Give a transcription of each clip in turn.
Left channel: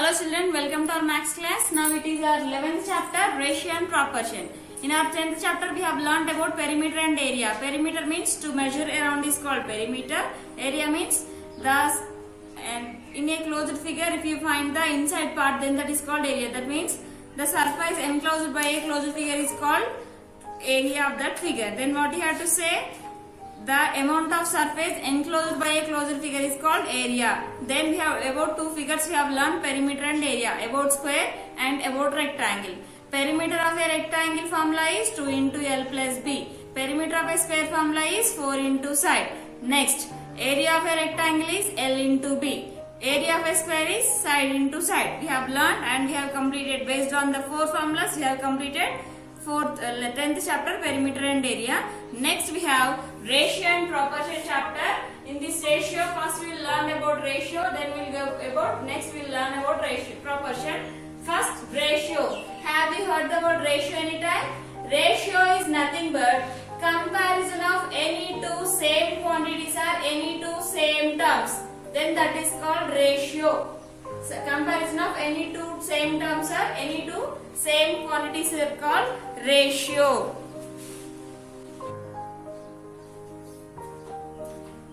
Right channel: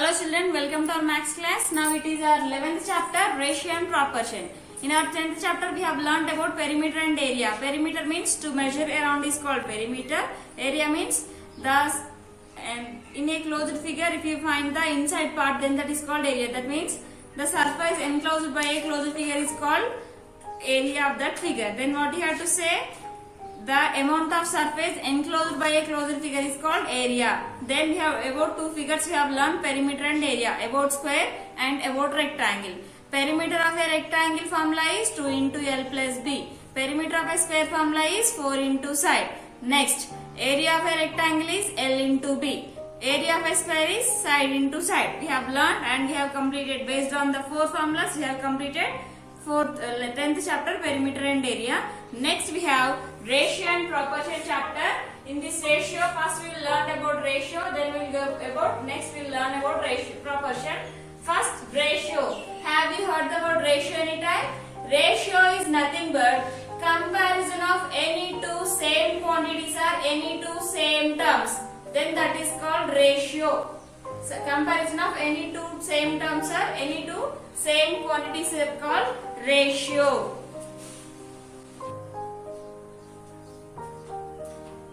Hello children, welcome to our maths class. Now it is our 11th chapter, ratio and proportion. In our 10th chapter we have learned about perimeter and area. Perimeter means to measure around is called perimeter. Area means and in a closed figure if you find the inside part then that is called area. That means the surface enclosed by a closed figure is called area of that figure. Then what you have to say? The amount of surface enclosed by a closed figure is called area. Then we have about two figures we have learned, perimeter and area, about square and about rectangle. Perimeter of a rectangle formula is 2 into L plus B. Perimeter of a square formula is 4 into side. Next, area of a rectangle is L into B. Area of a square is side into side. We have learned and we have completed based on the four formulas. We have completed 10th chapter, perimeter and area. Next we have ratio and proportion chapter. In this ratio, first we will learn about ratio, then we will go about, next we will learn about ratio, proportion. First, ratio. Have you heard about ratio anytime? Ratio is nothing but comparison of any two same quantities or any two same terms. Then that is called ratio. So, comparison of any two same terms or any two same quantities are called ratio.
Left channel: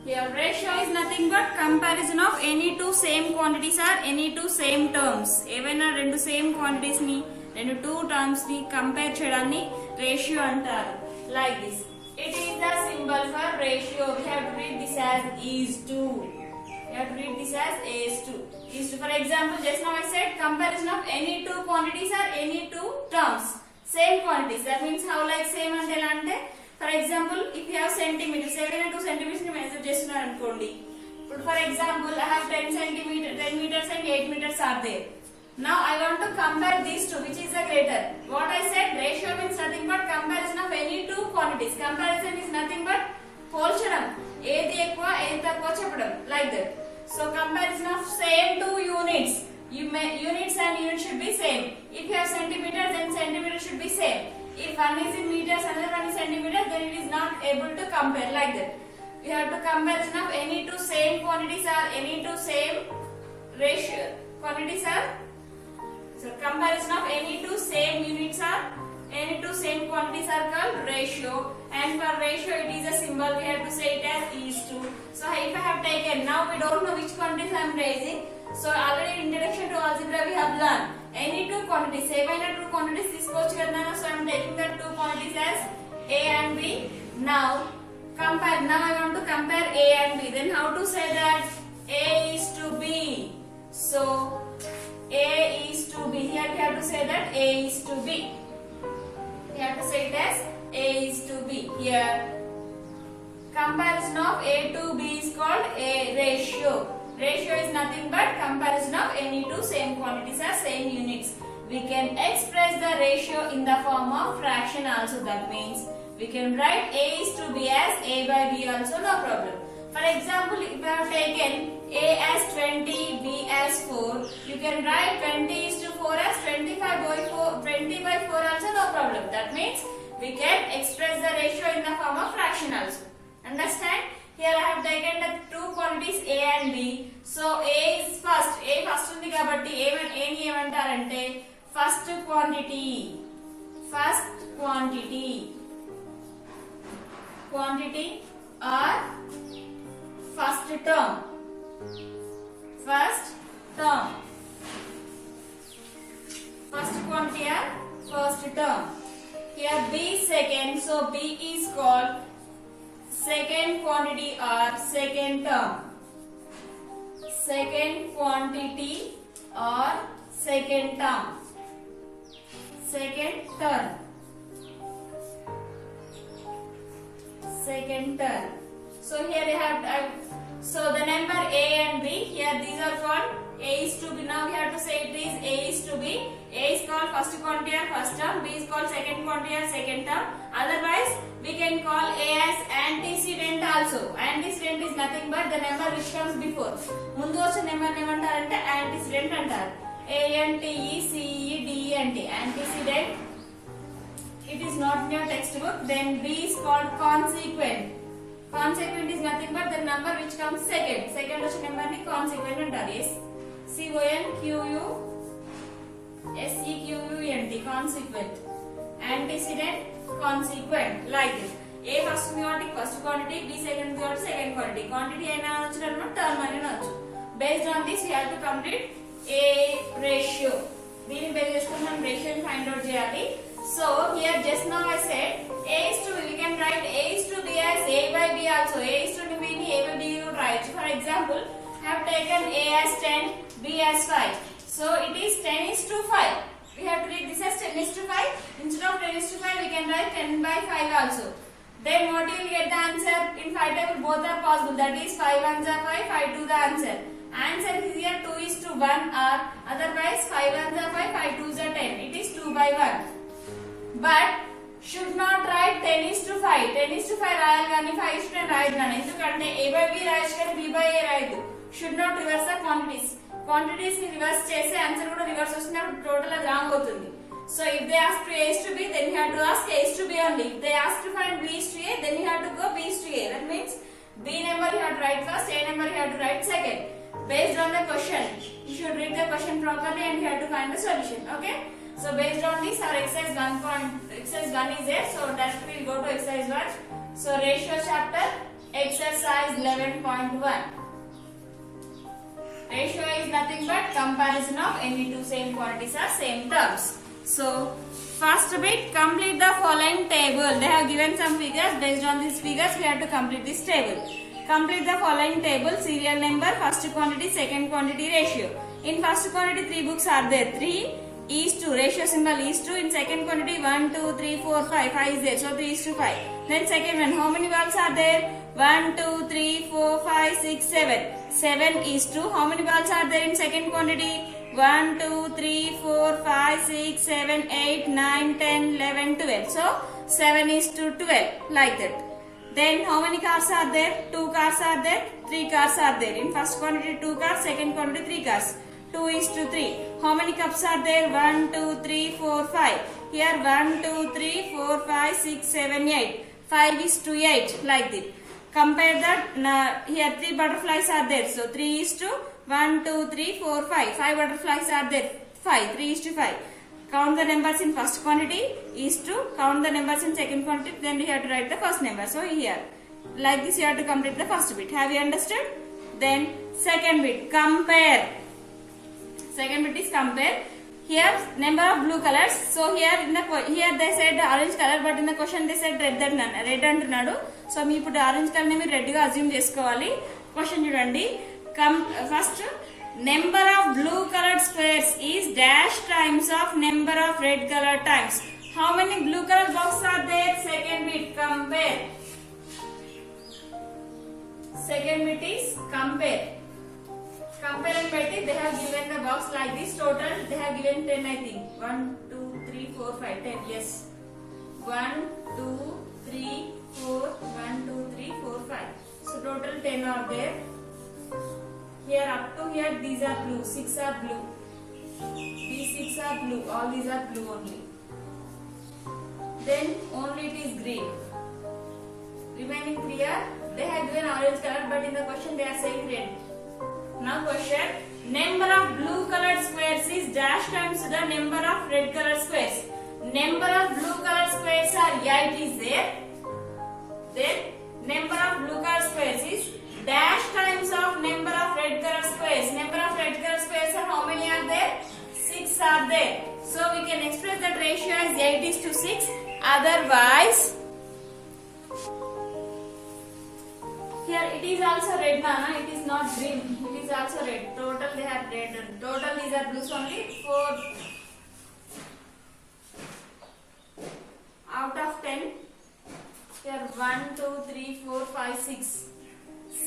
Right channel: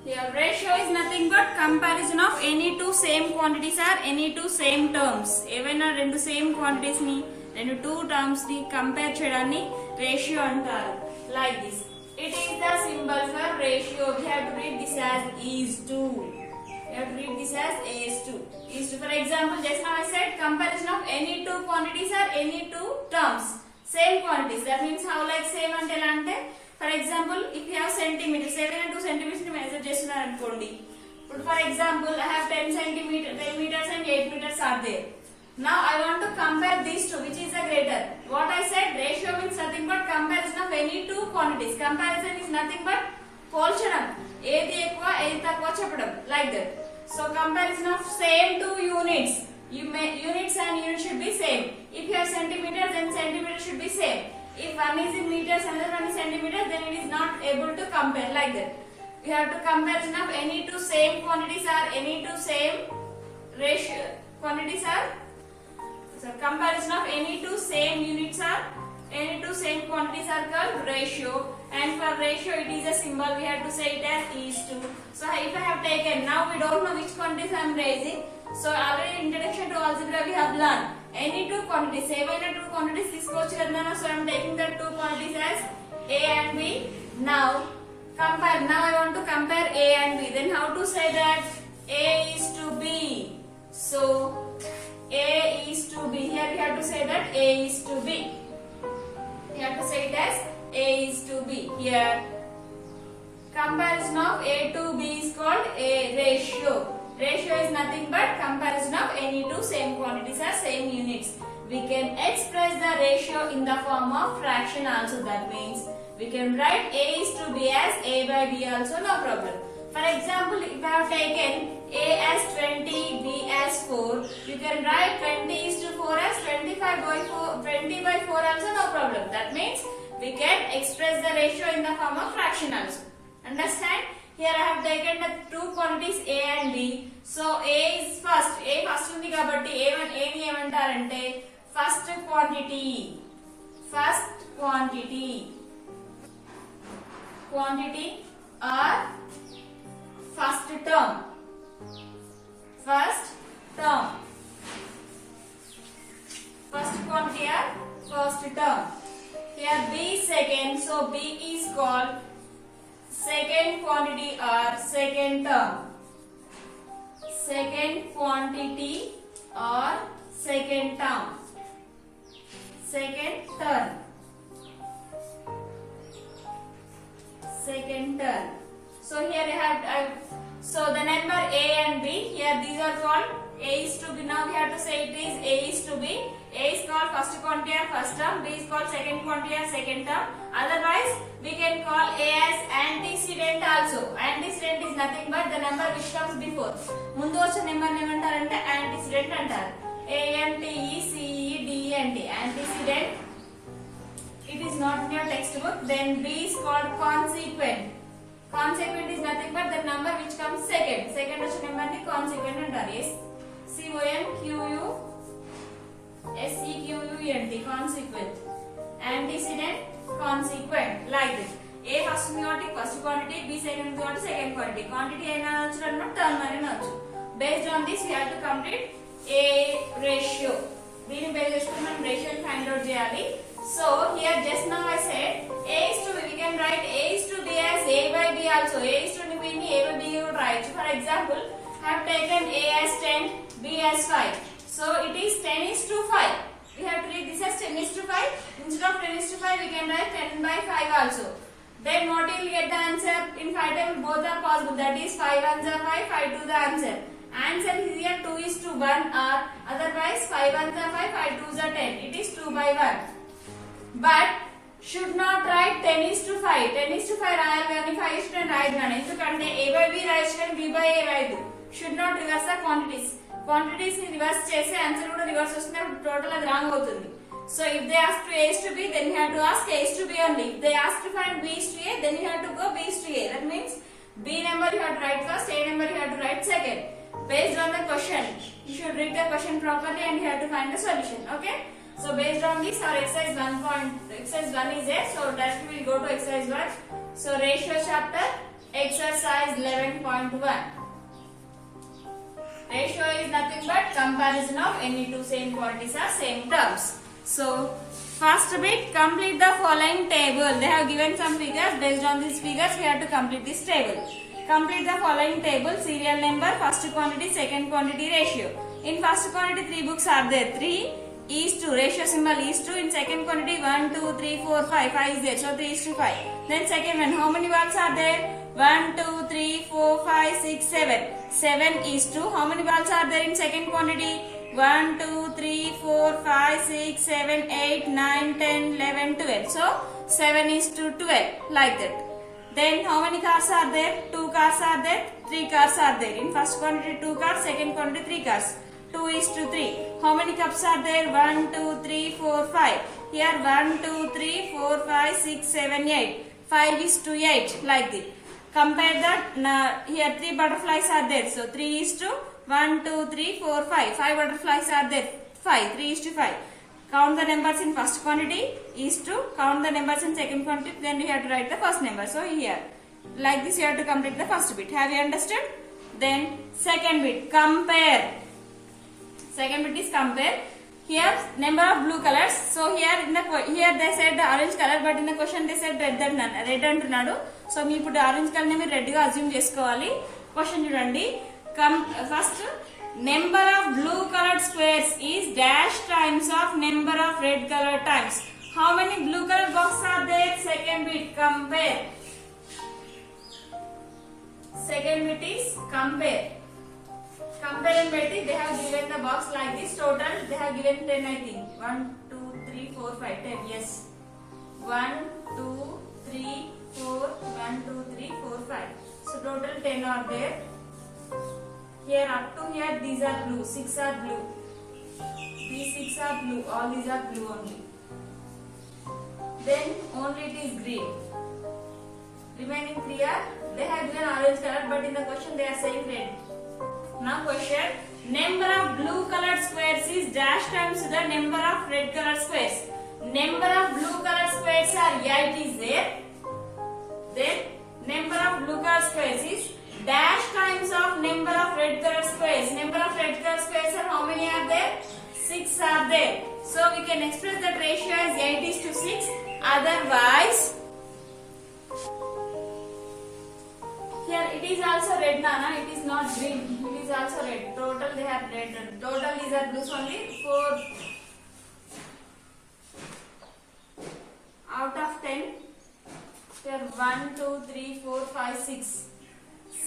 Here ratio is nothing but comparison of any two same quantities or any two same terms. ఏవైనా రెండు same quantities ని రెండు two terms ని compare చేయడాన్ని ratio అంటారు. Like this. It is the symbol for ratio. We have to read this as is to. We have to read this as is to. Is to. For example, just now I said comparison of any two quantities or any two terms. Same quantities. That means how like same అంటే ఎలా అంటే for example, if you have centimeters, 7 and 2 centimeters ni measure చేస్తున్నారు అనుకోండి. ఇప్పుడు for example, I have 10 meters and 8 meters are there. Now I want to compare these two, which is the greater. What I said, ratio means nothing but comparison of any two quantities. Comparison is nothing but పోల్చడం. ఏది ఎక్కువ ఏది తక్కువ చెప్పడం, like that. So comparison of same two units. Units and units should be same. If you have centimeters, then centimeters should be same. If one is in meters, another one is centimeters, then it is not able to compare, like that. We have to comparison of any two same quantities or any two same ratio quantities are. So comparison of any two same units or any two same quantities are called ratio. And for ratio, it is a symbol. We have to say it as is to. So if I have taken, now we don't know which quantities I am raising. So already introduction to algebra we have learned. Any two quantities, ఏవైనా two quantities తీసుకోవచ్చు కదా. So I am taking the two quantities as A and B. Now compare. Now I want to compare A and B. Then how to say that? A is to B. So A is to B. Here we have to say that A is to B. We have to say it as A is to B. Here comparison of A to B is called a ratio. Ratio is nothing but comparison of any two same quantities or same units. We can express the ratio in the form of fraction also. That means we can write A is to B as A by B also, no problem. For example, if I have taken A as 20, B as 4, you can write 20 is to 4 as 25 by 4, 20 by 4 also, no problem. That means we can express the ratio in the form of fraction also. Understand? Here I have taken the two quantities A and B. So A is first. A first ఉంది కాబట్టి A ని ఏమంటారంటే first quantity. First quantity. Quantity or first term. First term. First quantity or first term. Here B second. So B is called second quantity or second term. Second quantity or second term. Second term. Second term. So here I have so the number A and B. Here these are called A is to B. Now we have to say it is A is to B. A is called first quantity or first term. B is called second quantity or second term. Otherwise, we can call A as antecedent also. Antecedent is nothing but the number which comes before. ముందు వచ్చే number ఏమంటారంటే antecedent అంటారు. A N T E C E D E N T. Antecedent. It is not in your textbook. Then B is called consequent. Consequent is nothing but the number which comes second. Second వచ్చే number ని consequent అంటారు. Yes. CONQUSEQUENT, consequent. Antecedent, consequent, like this. A first quantity, first quantity, B second quantity, second quantity. Quantity అయినా అనొచ్చు అన్నమాట, term అయినా అనొచ్చు. Based on this we have to complete a ratio. దీన్ని base చేసుకొని మనం రేషియోని ఫైండ్ అవుట్ చేయాలి. So here just now I said A is to B, we can write A is to B as A by B also. A is to B ని A by B కూడా రాయొచ్చు. For example, I have taken A as 10, B as 5. So it is 10 is to 5. We have to read this as 10 is to 5. Instead of 10 is to 5, we can write 10 by 5 also. Then what you will get the answer in 5 table, both are possible. That is 5 ones are 5, 5 to the answer. Answer is here 2 is to 1 or otherwise 5 ones are 5, 5 twos are 10. It is 2 by 1. But should not write 10 is to 5. 10 is to 5 రాయాలి కానీ 5 is to 10 రాయదు అని. ఎందుకంటే A by B రాయొచ్చు కానీ B by A రాయదు. Should not reverse the quantities. Quantities ని reverse చేస్తే answer కూడా reverse వస్తుంది, టోటల్ అది రాంగ్ అవుతుంది. So if they ask to A is to B, then you have to ask A is to B only. If they ask to find B is to A, then you have to go B is to A. That means B number you have to write first, A number you have to write second. Based on the question, you should read the question properly and you have to find the solution. Okay? So based on this, our exercise 1 is there. So directly we will go to exercise 1. So ratio chapter, exercise 11.1. Ratio is nothing but comparison of any two same quantities or same terms. So first bit, complete the following table. They have given some figures. Based on these figures, we have to complete this table. Complete the following table: serial number, first quantity, second quantity, ratio. In first quantity, 3 books are there. 3 is to, ratio symbol is to. In second quantity, 1, 2, 3, 4, 5. 5 is there, so 3 is to 5. Then second one, how many bulbs are there? 1, 2, 3, 4, 5, 6, 7. 7 is to, how many bulbs are there in second quantity? 1, 2, 3, 4, 5, 6, 7, 8, 9, 10, 11, 12. So 7 is to 12, like that. Then how many cars are there? 2 cars are there, 3 cars are there. In first quantity 2 cars, second quantity 3 cars. 2 is to 3. How many cups are there? 1, 2, 3, 4, 5. Here 1, 2, 3, 4, 5, 6, 7, 8. 5 is to 8, like this. Compare that. Here 3 butterflies are there. So 3 is to 1, 2, 3, 4, 5. 5 butterflies are there. 5. 3 is to 5. Count the numbers in first quantity is to, count the numbers in second quantity, then you have to write the first number. So here, like this you have to complete the first bit. Have you understood? Then second bit, compare. Second bit is compare. Here number of blue colors. So here they said the orange color, but in the question they said red అంటున్నాడు. So మీ ఇప్పుడు orange colour ని మీరు red గా assume చేసుకోవాలి. Question చూడండి. First, number of blue colored squares is dash times of number of red colored times. How many blue colored boxes are there? Second bit, compare. Second bit is compare. Compare and betti, they have given the box like this. Total they have given 10, I think. 1, 2, 3, 4, 5, 10. Yes. 1, 2, 3, 4, 1, 2, 3, 4, 5. So total 10 are there. Here up to here these are blue, 6 are blue. These 6 are blue, all these are blue only. Then only it is green. Remaining 3 are, they have given orange color, but in the question they are saying red. Now question, number of blue colored squares is dash times the number of red colored squares. Number of blue colored squares are 8 is there. Then number of blue colored squares is dash times of number of red colored squares. Number of red colored squares are how many are there? 6 are there. So we can express that ratio as 8 is to 6. Otherwise, here it is also red, Nana. It is not green. It is also red. Total they have red. Total these are blues only. 4 out of 10. Here 1, 2, 3, 4, 5, 6.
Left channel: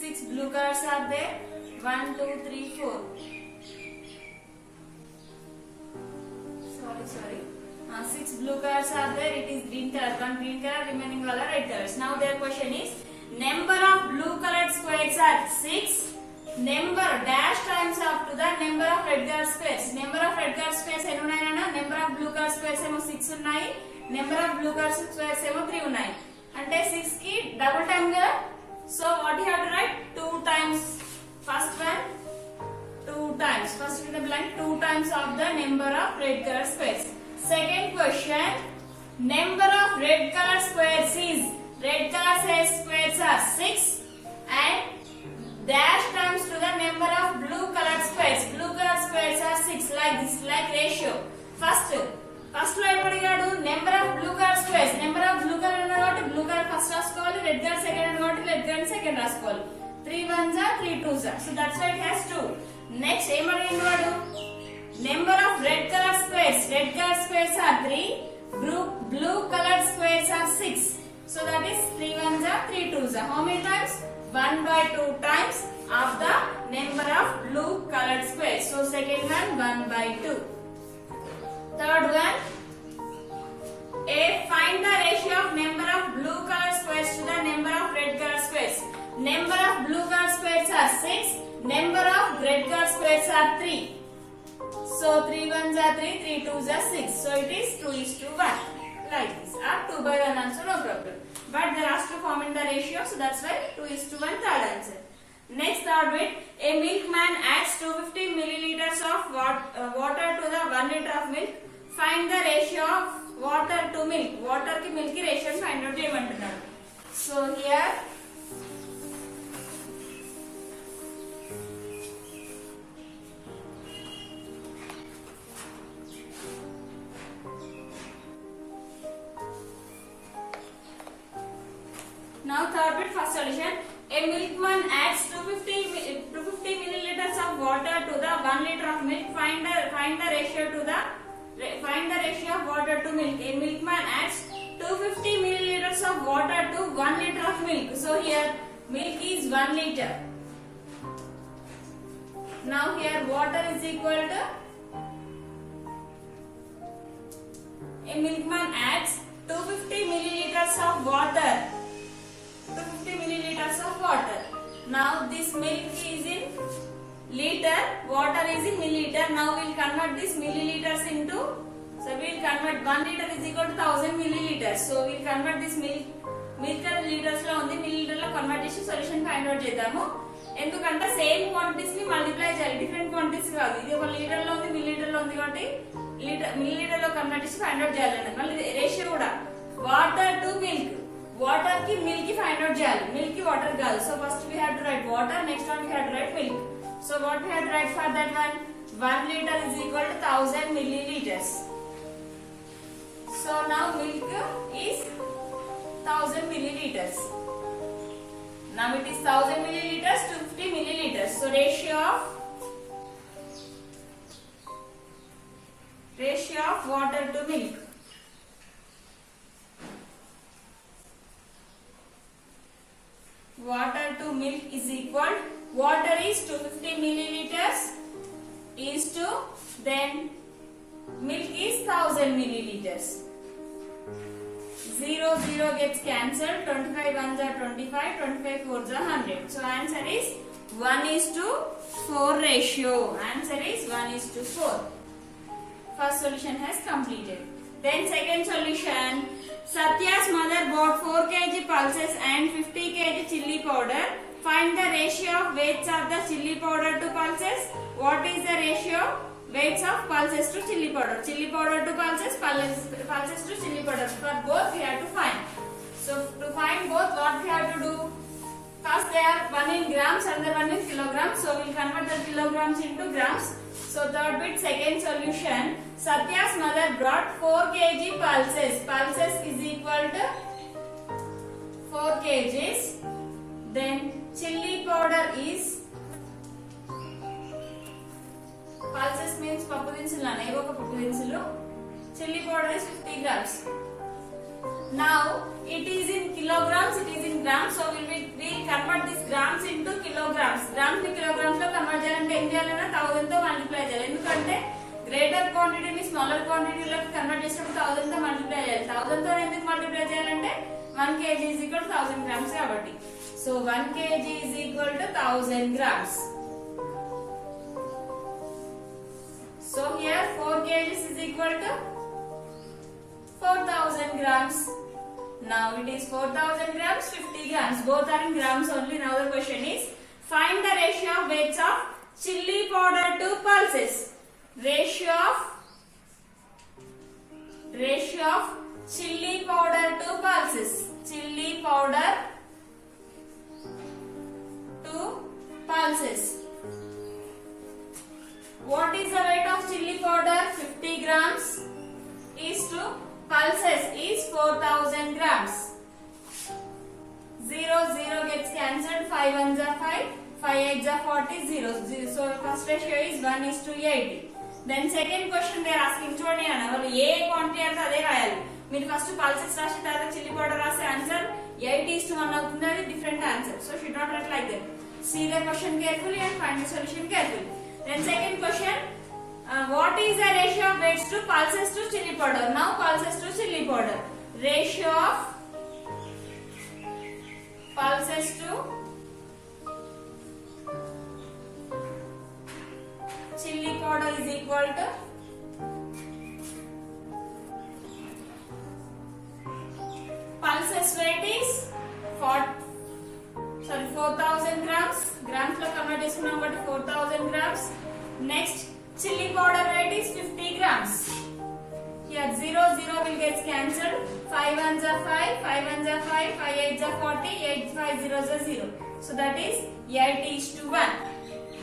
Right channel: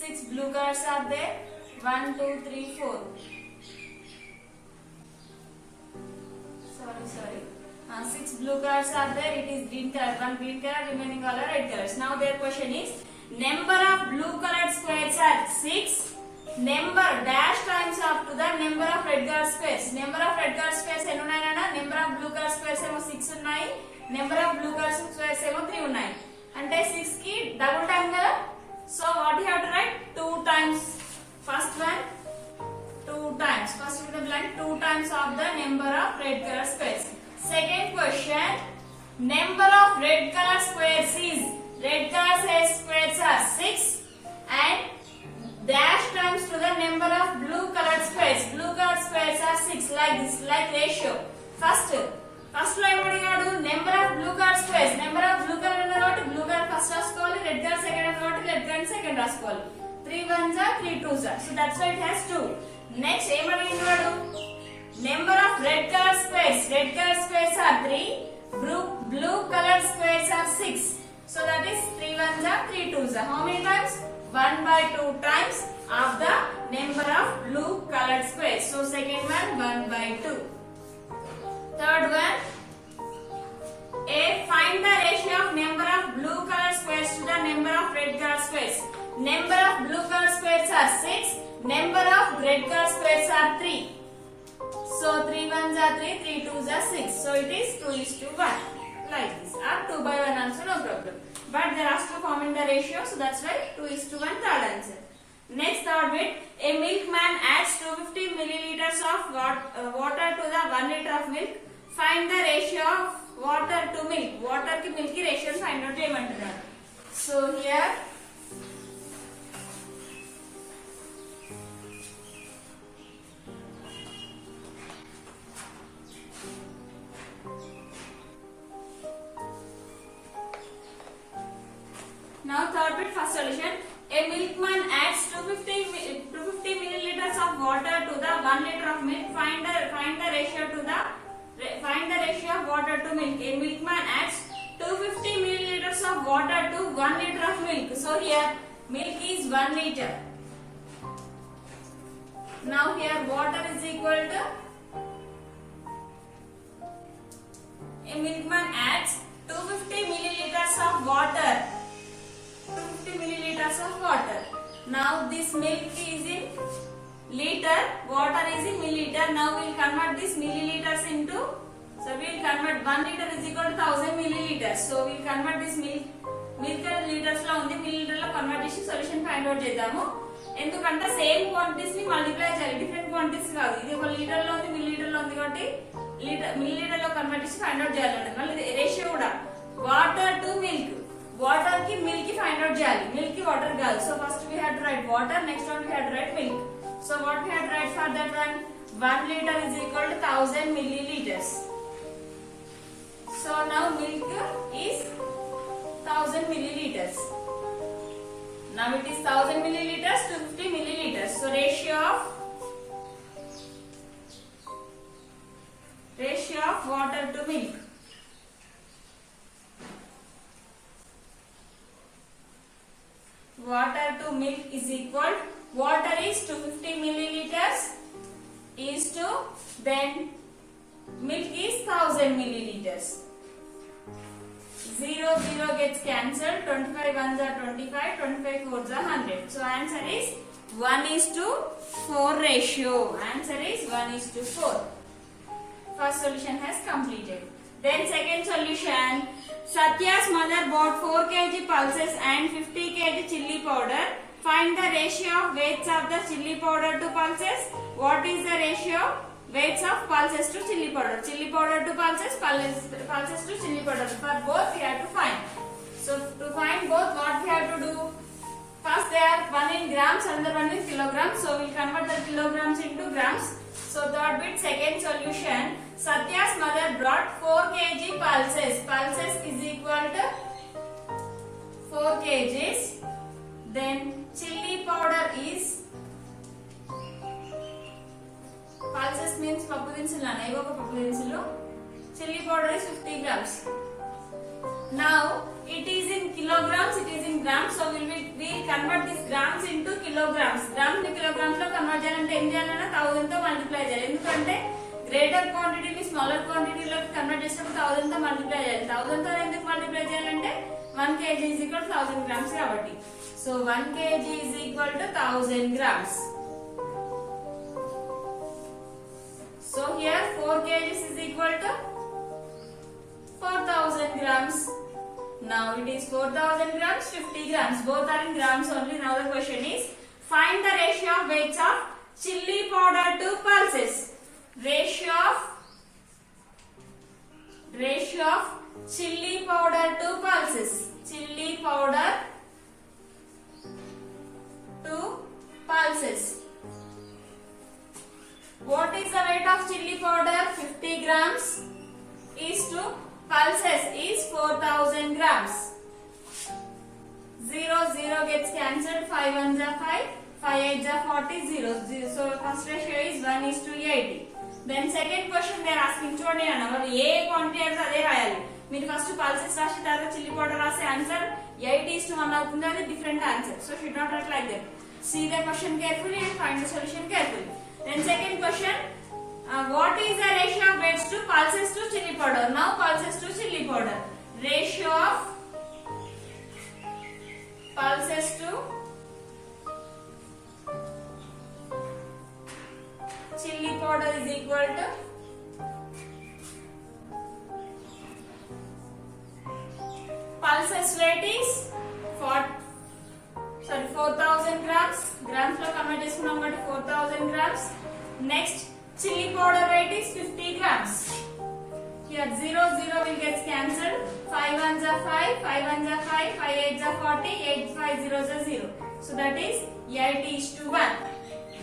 6 blue colors are there. 1, 2, 3, 4. Sorry. 6 blue colors are there. It is green color. One green color, remaining all are red colors. Now their question is, number of blue colored squares are 6. Number dash times up to the number of red colored squares. Number of red colored squares ఎన్ని ఉన్నాయి నాన్న? Number of blue colored squares ఏమో 6 ఉన్నాయి. Number of blue colored squares ఏమో 3 ఉన్నాయి. అంటే 6 కి double time కదా. So what you have to write? 2 times first one, 2 times. First with the blank, 2 times of the number of red color squares. Second question, number of red color squares is, red color squares are 6 and dash times to the number of blue colored squares. Blue colored squares are 6, like this, like ratio. First లో ఏమడిగాడు, number of blue colour squares. Number of blue colour ఉన్న కాబట్టి blue colour first రాసుకోవాలి, red colour second కాబట్టి red colour second రాసుకోవాలి. 3 1s are 3 2s are, so that's why it has 2. Next ఏమడిగాడు వాడు, number of red colour squares. Red colour squares are 3, blue colored squares are 6, so that is 3 1s are 3 2s are. How many times? 1/2 times of the number of blue colored squares. So second one 1/2. Third one, find the ratio of number of blue colored squares to the number of red colored squares. Number of blue colored squares are 6, number of red colored squares are 3. So 3 1s are 3, 3 2s are 6. So it is 2:1, like this, or 2/1 also, no problem. But they are asked to form in the ratio, so that's why 2:1, third answer. Next, third bit, a milkman adds 250 milliliters of water to the 1 liter of milk. Find the ratio of water to milk. Water ki milk ki ratio find out cheyamantunnaru. So here now third bit, first solution. A milkman adds 250 milliliters of water to the 1 liter of milk. Find the ratio of water to milk. A milkman adds 250 milliliters of water to 1 liter of milk. So here milk is 1 liter. Now here water is equal to, a milkman adds 250 milliliters of water. 250 milliliters of water. Now this milk is in liter, water is in milliliter. Now we will convert this milliliters into, so we will convert 1 liter is equal to 1000 milliliters. So we will convert this milk liters లో ఉంది, milliliter లో convert చేసి solution find out చేద్దాము. ఎందుకంటే same quantities ని multiply చేయాలి, different quantities కాదు. ఇది ఒక లీటర్ లో ఉంది, మిల్లీలీటర్ లో ఉంది కాబట్టి మిల్లీలీటర్ లో కన్వర్ట్ చేసి ఫైండ్ అవుట్ చేయాలండి. మళ్ళీ రేషియో కూడా వాటర్ టు మిల్క్, వాటర్ కి మిల్క్ కి ఫైండ్ అవుట్ చేయాలి, మిల్క్ కి వాటర్ కాదు. So first we have to write water, next one we have to write milk. So what we have to write for that one, 1 liter is equal to 1000 milliliters. So now milk is 1000 milliliters. Now it is 1000 milliliters to 50 milliliters. So ratio of water to milk. Water to milk is equal, water is 250 milliliters is to, then milk is 1000 milliliters. 0 gets cancelled, 25 1s are 25, 25 4s are 100. So answer is 1:4 ratio. Answer is 1:4. First solution has completed. Then second solution, Satya's mother bought 4 kg pulses and 50 kg chilli powder. Find the ratio of weights of the chilli powder to pulses. What is the ratio? Weights of pulses to chilli powder. Chilli powder to pulses, pulses to chilli powder. For both we have to find. So to find both, what we have to do? First they are one in grams, another one in kilograms. So we will convert the kilograms into grams. So third bit, second solution. Satya's mother brought 4 kg pulses. Pulses is equal to 4 kgs. Then chilli powder is, pulses means papu dinsuలు na, ఏవో ఒక పప్పు దినుసులు. Chilli powder is 50 grams. Now it is in kilograms, it is in grams. So we convert this grams into kilograms. Grams ni kilograms లో convert చేయాలంటే ఏం చేయాలన్నా 1000 తో multiply చేయాలి. ఎందుకంటే గ్రేటర్ క్వాంటిటీని స్మాలర్ క్వాంటిటీలోకి కన్వర్ట్ చేసినప్పుడు 1000 తో మల్టిప్లై చేయాలి. 1000 తో ఎందుకు మల్టిప్లై చేయాలంటే 1 kg is equal to 1000 grams కాబట్టి. So 1 kg is equal to 1000 grams. So here 4 kg is equal to 4000 grams. Now it is 4000 grams, 50 grams. Both are in grams only. Now the question is, find the ratio of weights of chili powder to pulses. Ratio of chili powder to pulses. Chili powder to pulses. What is the weight of chili powder? 50 grams is to pulses is 4000 grams. 0 gets cancelled. 5 ones are 5. 5 8s are 40. 0. So first ratio is 1:80. Then second question they are asking. చూడండి అన్న వాళ్ళు ఏ quantity అంటే అదే రాయాలి. మీరు first pulses రాసి తర్వాత chilli powder రాసే ఆన్సర్ 8:1 అవుతుంది. అది different answer. So should not write like that. See the question carefully and find the solution carefully. Then second question, what is the ratio of weights to pulses to chili powder? Now pulses to chili powder. Ratio of pulses to chili powder is equal to pulses weight is 4000 grams. Grams lo convert చేసుకున్నాం కాబట్టి 4000 grams. Next chili powder weight is 50 grams. Here 0 will get cancelled. 5 ones are 5, 5 ones are 5, 5 8s are 40, 8 5 zeros are 0. So that is 8:1.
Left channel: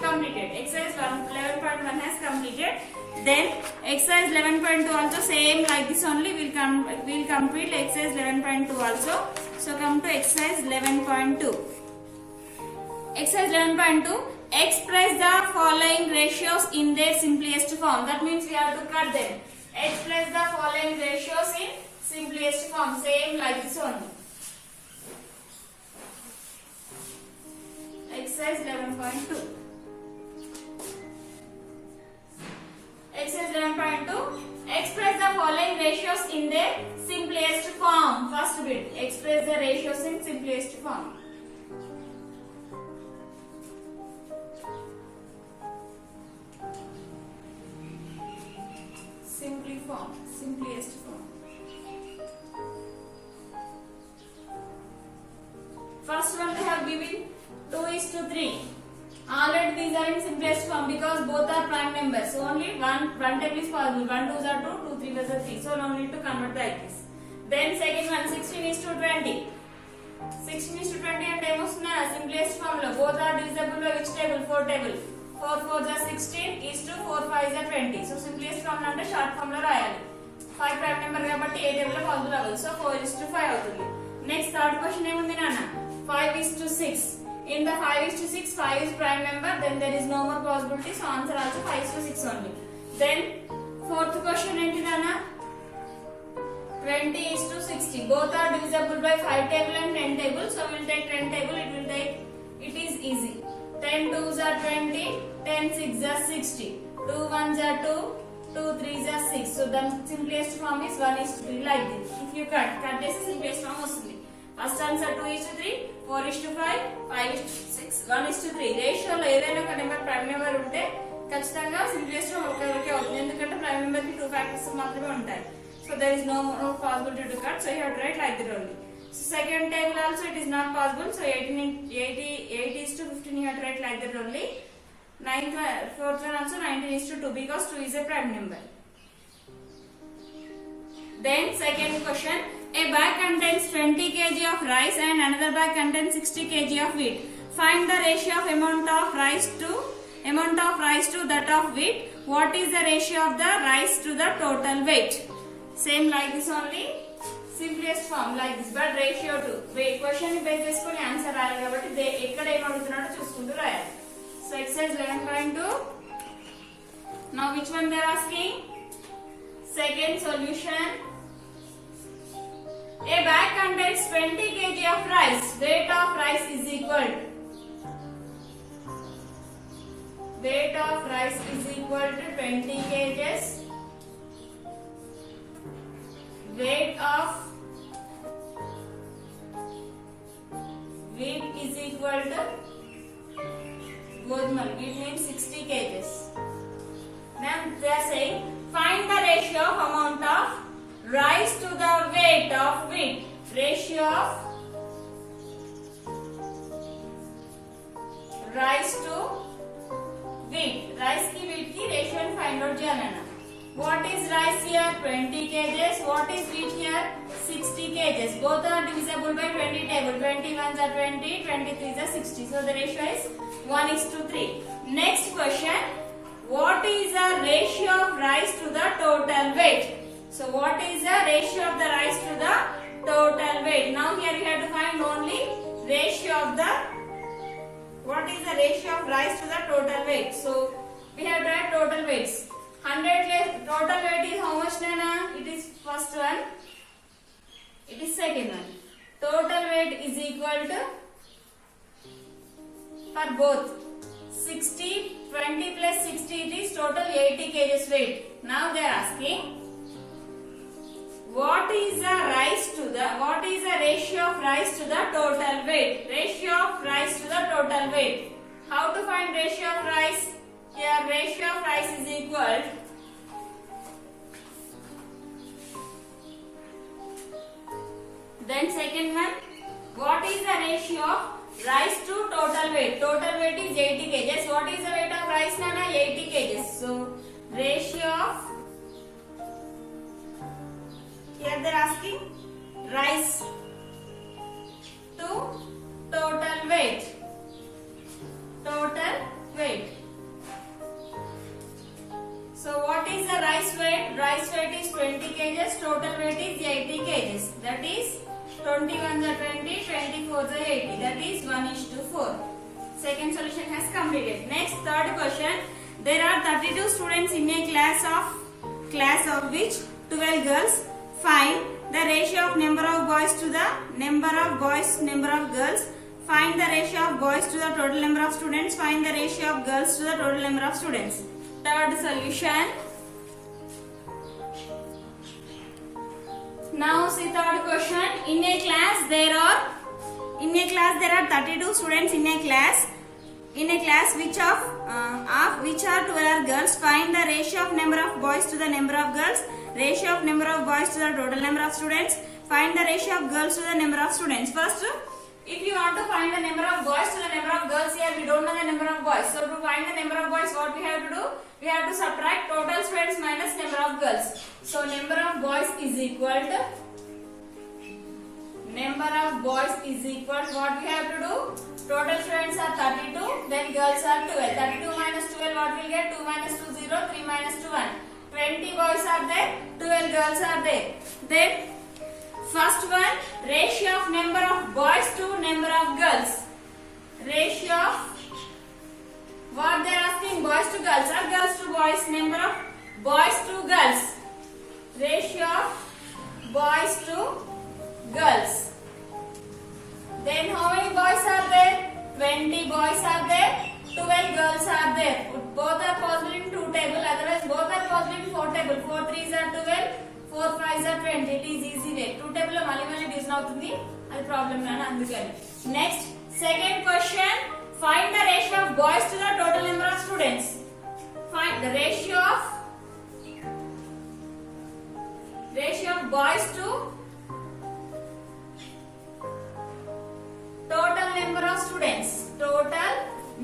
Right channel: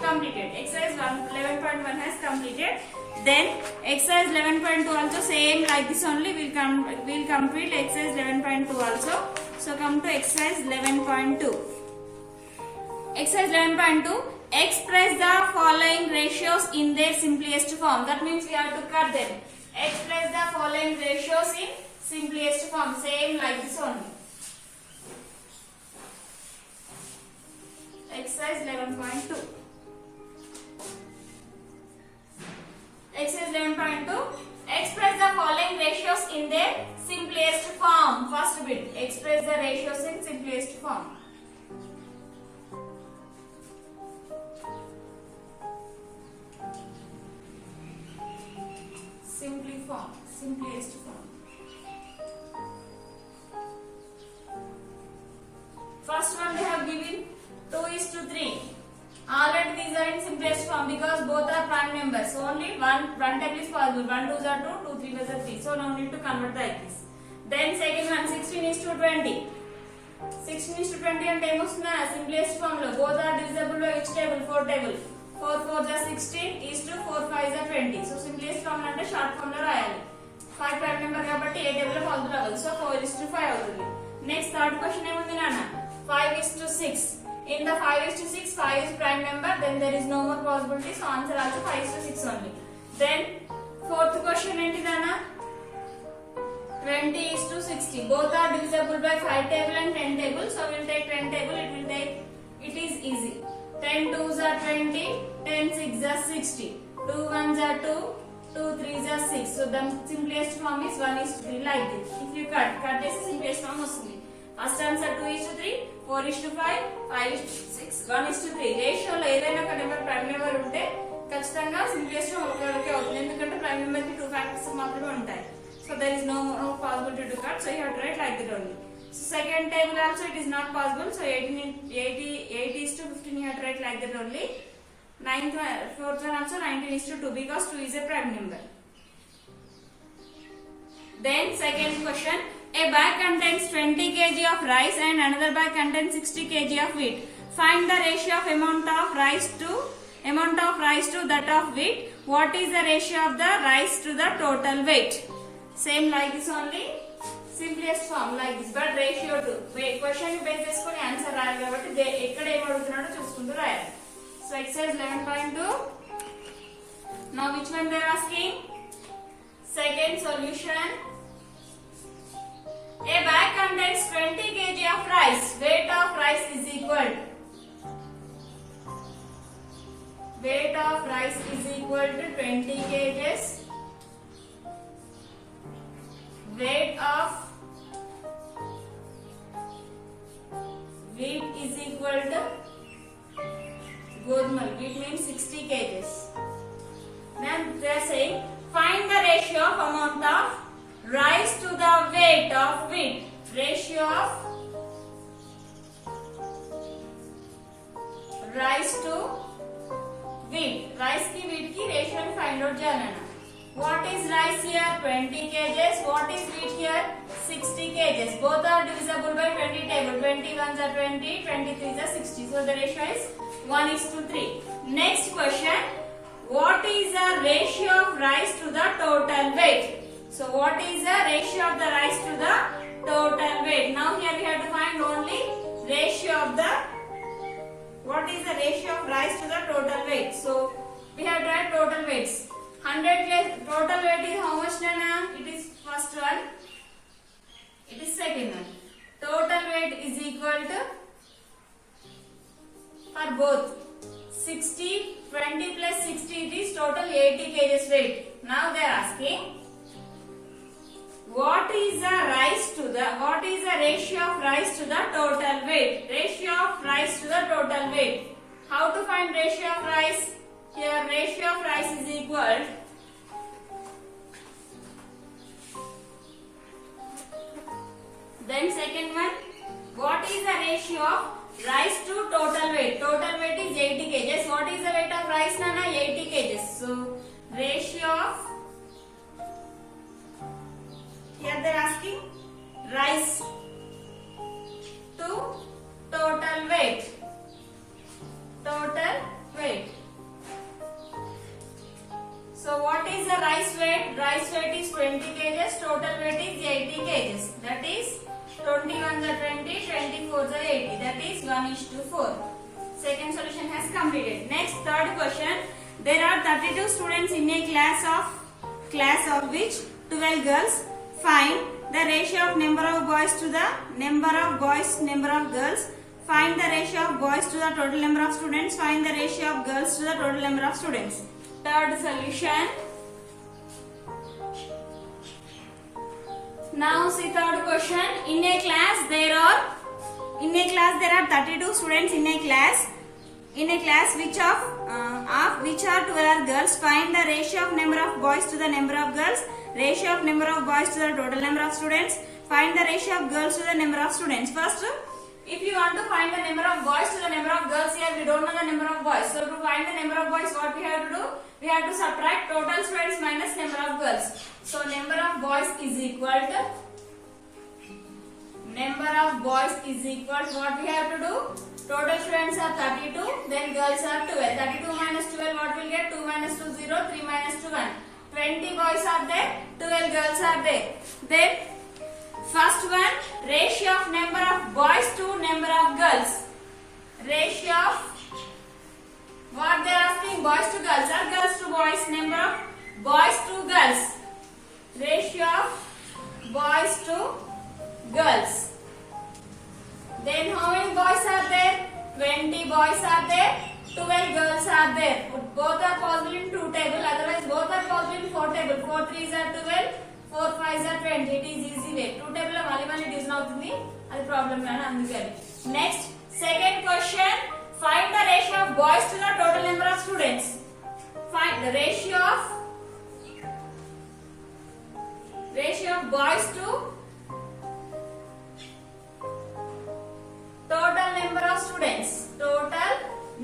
Completed. Exercise 11.1 has completed. Then exercise 11.2 also same like this only. We'll complete exercise 11.2 also. So come to exercise 11.2. Exercise 11.2. Express the following ratios in their simplest form. That means we have to cut them. Express the following ratios in simplest form. Same like this only. Exercise 11.2. Exercise 11.2. Express the following ratios in their simplest form. First bit. Express the ratios in simplest form. Simplest form. First one they have given 2:3. Already these are in simplest form because both are prime numbers. So only one table is possible. 1 2s are 2, 2 3s are 3. So no need to convert like this. Then second one 16:20. 16:20 and time వస్తున్నా simplest form లో both are divisible by which table? 4 table. 4 4s are 16 is to 4 5s are 20. So simplest form అంటే short form లో రాయాలి. 5 prime number కాబట్టి ఏ table లో possible అవ్వదు. So 4:5 అవుతుంది. Next third question ఏముంది నాన్న? 5:6. In the 5:6, 5 is prime number, then there is no more possibility. So answer also 5:6 only. Then fourth question enti nana? 20:60. Both are divisible by 5 table and 10 table. So we'll take 10 table. It is easy. 10 2s are 20, 10 6s are 60. 2 1s are 2, 2 3s are 6. So the simplest form is 1:3 like this. If you cut చేసి simplest form వస్తుంది. First answer 2:3, 4:5, 5:6, 1:3. రేషియోలో ఏదైనా ఒక number prime number ఉంటే ఖచ్చితంగా simplest ఒకరికి అవుతుంది. ఎందుకంటే ప్రైమ్ నెంబర్ కి 2 ఫ్యాక్టర్స్ మాత్రమే ఉంటాయి. So there is no possibility to cut. So you have to write like that only. So second table also it is not possible. So 8:15 you have to write like that only. Fourth one also 19:2 because 2 is a prime number. Then second question. A bag contains 20 kg of rice and another bag contains 60 kg of wheat. Find the ratio of amount of rice to that of wheat. What is the ratio of the rice to the total weight? Same like this only. Simplest form like this, but ratio to question ni base cheskoni answer రాయాలి కాబట్టి ఎక్కడ ఏం అడుగుతున్నాడో చూసుకుంటూ రాయాలి. So exercise 11.2. Now which one they are asking? Second solution. A bag contains 20 kg of rice. Weight of rice is equal to 20 kgs. Weight of wheat is equal to Godmal. Wheat means 60 kgs. Then they are saying find the ratio of amount of rice to the weight of wheat. Ratio of rice to wheat. Rice ki wheat ki ratio find out cheyalana. What is rice here? 20 kgs. What is wheat here? 60 kgs. Both are divisible by 20 table. 21s are 20, 23s are 60. So the ratio is 1:3. Next question. What is the ratio of rice to the total weight? So what is the ratio of the rice to the total weight? Now here we have to find only ratio of the, what is the ratio of rice to the total weight? So we have to add total weights. 100 less total weight is how much, Nana? It is first one. It is second one. Total weight is equal to, for both, 60, 20 plus 60, it is total 80 kgs weight. Now they are asking, what is the ratio of rice to the total weight? Ratio of rice to the total weight. How to find ratio of rice? Here ratio of rice is equal, then second one, what is the ratio of rice to total weight? Total weight is 80 kgs. What is the weight of rice, Nana? 80 kgs. So ratio of, here they are asking rice to total weight. Total weight. So what is the rice weight? Rice weight is 20 kgs. Total weight is 80 kgs. That is 21 are 20, 24 are 80. That is 1:4. Second solution has completed. Next, third question. There are 32 students in a class of which 12 girls. Find the ratio of number of boys to the number of girls. Find the ratio of boys to the total number of students. Find the ratio of girls to the total number of students. Third solution. Now see third question. In a class there are 32 students in a class. In a class which are 12 girls. Find the ratio of number of boys to the number of girls. Ratio of number of boys to the total number of students. Find the ratio of girls to the number of students. First, if you want to find the number of boys to the number of girls, here we don't know the number of boys. So to find the number of boys, what we have to do? We have to subtract total students minus number of girls. So number of boys is equal to, what we have to do? Total students are 32, then girls are 12. 32 minus 12, what will get? 2 minus 2, 0, 3 minus 2, 1. 20 boys are there, 12 girls are there. Then first one, ratio of number of boys to number of girls. Ratio of, what they are asking, boys to girls or girls to boys? Number of boys to girls. Ratio of boys to girls. Then how many boys are there? 20 boys are there, 12 girls are there. Both are possible in 2 table, otherwise both are possible in 4 table. 4 3s are 12, 4 5s are 20. It is easy way. 2 table lo mali division అవుతుంది. అది problem నాన్న అందుకని. Next, second question. Find the ratio of boys to the total number of students. Find the ratio of boys to total number of students. Total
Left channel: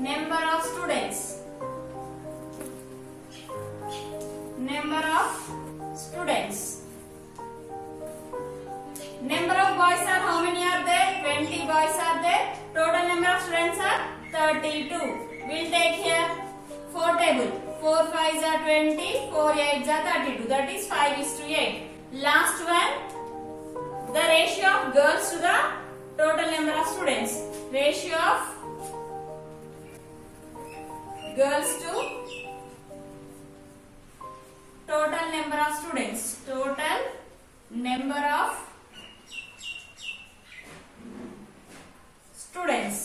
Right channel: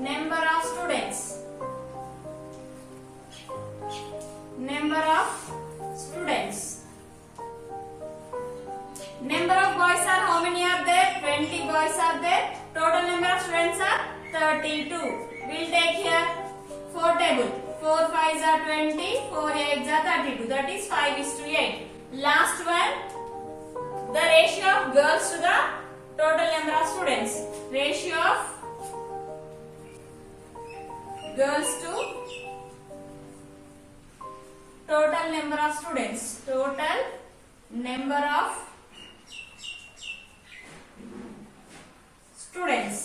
number of students. Number of students. Number of boys are how many are there? 20 boys are there. Total number of students are 32. We'll take here 4 table. 4 5s are 20, 4 8s are 32. That is 5:8. Last one, the ratio of girls to the total number of students. Ratio of girls to total number of students. Total number of students.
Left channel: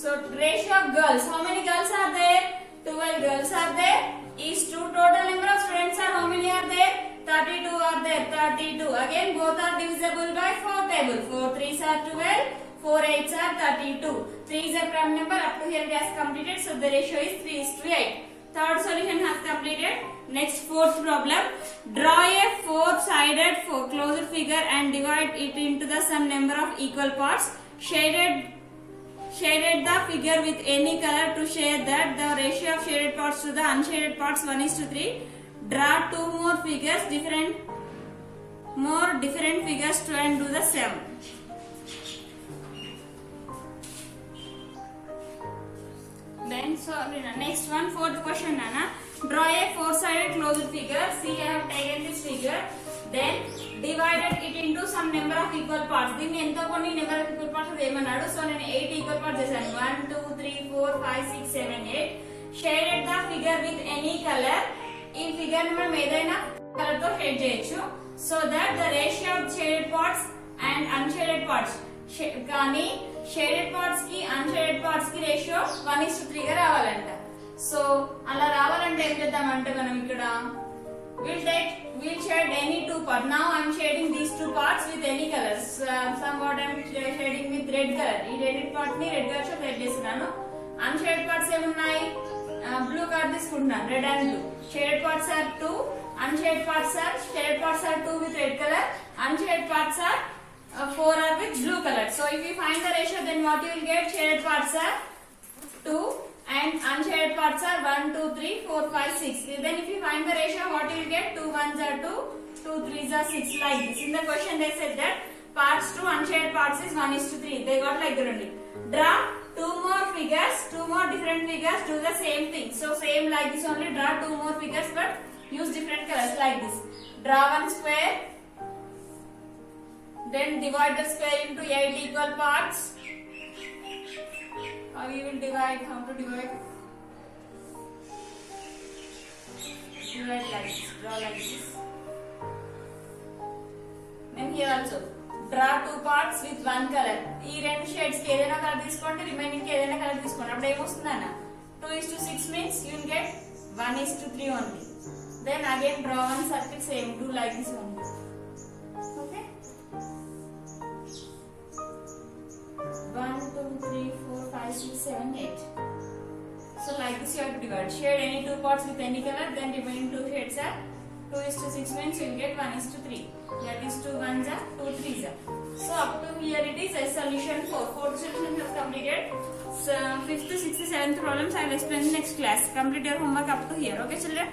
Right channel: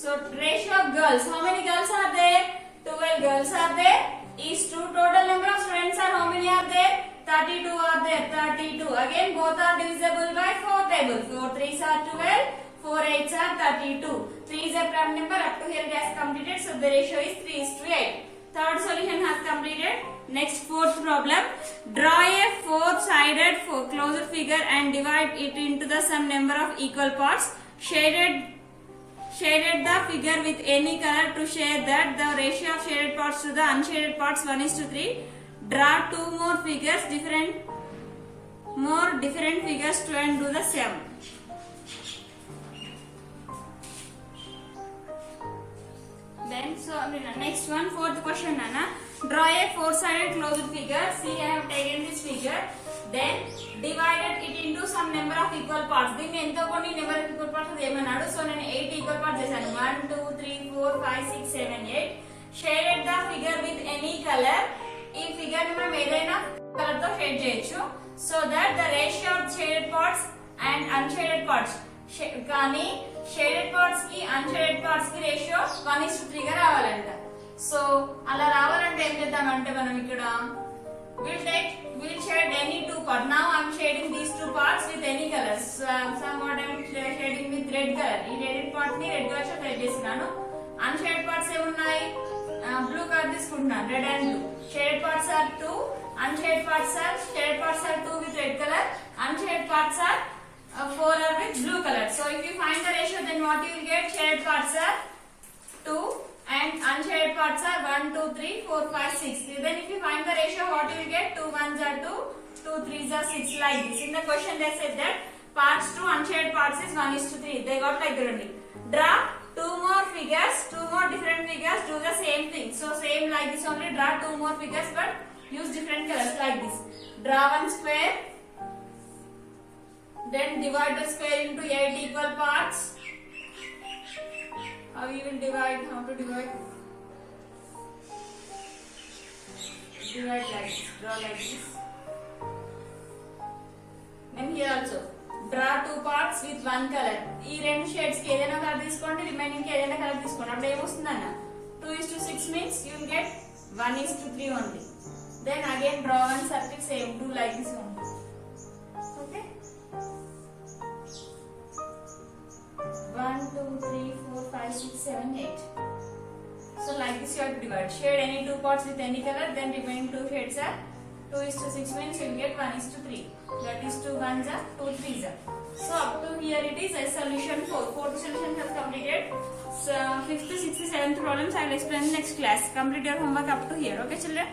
So ratio of girls. How many girls are there? 12 girls are there. Is to total number of students are how many are there? 32 are there. 32. Again both are divisible by 4 table. 4 3s are 12. 4 8s are 32. 3 is a prime number. Up to here it has completed. So the ratio is 3:8. Third solution has completed. Next, fourth problem. Draw a four-sided closed figure and divide it into the sum number of equal parts. shaded the figure with any color to show that the ratio of shaded parts to the unshaded parts 1:3. Draw two more figures, different figures to and do the same. Then so next one, fourth question, Nana. Draw a four-sided closed figure. See, I have taken this figure. Then divided it into some number of equal parts. దీన్ని ఎంతో కొన్ని number of equal parts ఏమన్నాడు. So నేను 8 equal parts చేశాను. 1, 2, 3, 4, 5, 6, 7, 8. Shaded the figure with any color. ఈ figure ని మనం ఏదైనా కలర్ తో షేడ్ చేయొచ్చు. So that the ratio of shaded parts and unshaded parts. కానీ షేడెడ్ పార్ట్స్ కి అన్షేడెడ్ పార్ట్స్ కి రేషియో 1:3 గా రావాలంట. సో అలా రావాలంటే ఏం చేద్దామంటే మనం ఇక్కడ we'll shade any two parts. Now I'm shading these two parts with any colors. Somewhat I'm shading with red color. ఈ రెడ్ పార్ట్ ని రెడ్ కలర్ తో షేడ్ చేస్తున్నాను. అన్షేడెడ్ పార్ట్స్ ఏమున్నాయి, బ్లూ కలర్ తీసుకుంటున్నాను, red and blue. Shaded parts are 2, unshaded parts are 2 with red color, unshaded parts are 4 are with blue color. So if you find the ratio, then what you will get? Shaded parts are 2 and unshaded parts are 1, 2, 3, 4, 5, 6. Then if you find the ratio, what you will get? 2 1s are 2, 2 3s are 6, like this. In the question they said that parts to unshaded parts is 1:3. They got like that only. Draw two more figures, two more different figures, do the same thing. So same like this only, draw two more figures but use different colors like this. Draw one square, then divide the square into 8 equal parts. How you will divide? How to divide? Divide like this. Draw like this. Then here also draw two parts with one color. ఈ రెండు shades కి ఏదైనా colour తీసుకోండి, remaining కి ఏదైనా colour తీసుకోండి. అప్పుడు ఏమొస్తుందన్న 2:6 means you will get 1:3 only. Then again draw one circle, same, do like this only. Okay. 1, 2, 3, 4, 5, 6, 7, 8. So like this you have to divide. Shade any two parts with any color, then remaining two shades are 2:6 means you will get 1:3. That is 2 1s are 2 3s are. So up to here it is a solution 4. Fourth solution has completed. So 5th, 6th, 7th problems I will explain in next class. Complete your homework up to here. Okay children.